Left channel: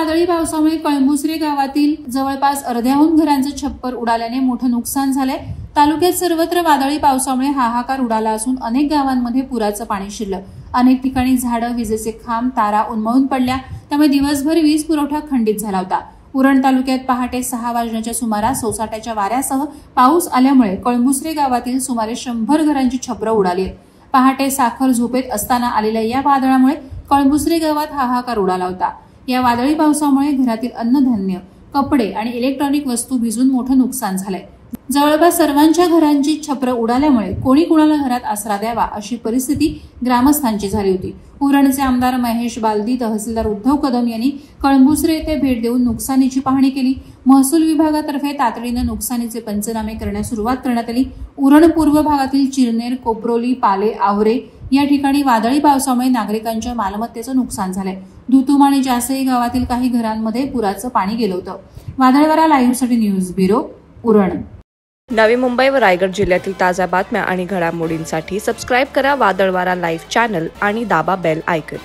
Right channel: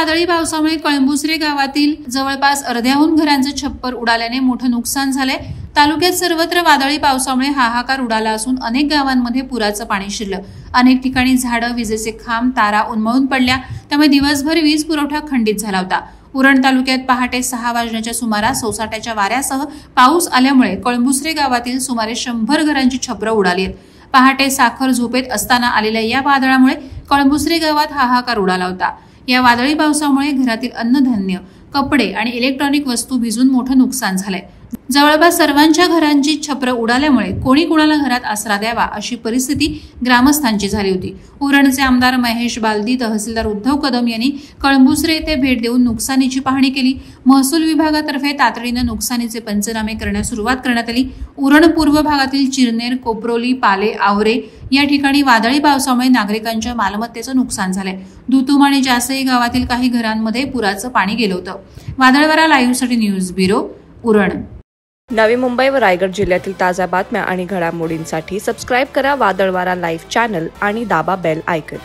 वादळी पावसामुळे कळंबुसरे गावातील जवळपास अर्ध्याहून घरांचे छप्पर उडाल्याने मोठं नुकसान झालंय। तालुक्यात सर्वत्र वादळी पावसामुळे हाहाकार उडाला असून अनेक गावांमध्ये पुराचं पाणी शिरलं। अनेक ठिकाणी झाडं, विजेचे खांब, तारा उन्मळून पडल्या, त्यामुळे दिवसभर वीज पुरवठा खंडित झाला होता। उरण तालुक्यात पहाटे 6 वाजण्याच्या सुमारास सोसाट्याच्या वाऱ्यासह पाऊस आल्यामुळे कळंबुसरे गावातील सुमारे 100 घरांची छपरं उडाली आहेत। पहाटे साखर झोपेत असताना आलेल्या या वादळामुळे कळंबुसरे गावात हाहाकार उडाला होता। या वादळी पावसामुळे घरातील अन्नधान्य, कपडे आणि इलेक्ट्रॉनिक वस्तू भिजून मोठं नुकसान झालंय। जवळपास सर्वांच्या घरांची छपरं उडाल्यामुळे कोणी कोणाला घरात आसरा द्यावा अशी परिस्थिती ग्रामस्थांची झाली होती। उरणचे आमदार महेश बालदी, तहसीलदार उद्धव कदम यांनी कळंबुसरे येथे भेट देऊन नुकसानीची पाहणी केली। महसूल विभागातर्फे तातडीने नुकसानीचे पंचनामे करण्यास सुरुवात करण्यात आली। उरण पूर्व भागातील चिरनेर, कोपरोली, पाले, आवरे या ठिकाणी वादळी पावसामुळे नागरिकांच्या मालमत्तेचं नुकसान झालंय। दुतुम आणि जासई गावातील काही घरांमध्ये पुराचं पाणी गेलं होतं। वादळवारा लाईव्हसाठी न्यूज ब्युरो, उरण। नवी मुंबई व रायगड जिल्ह्यातील ताज्या बातम्या आणि घडामोडींसाठी सबस्क्राइब करा वादळवारा लाईव्ह चॅनल आणि दाबा बेल आयकॉन।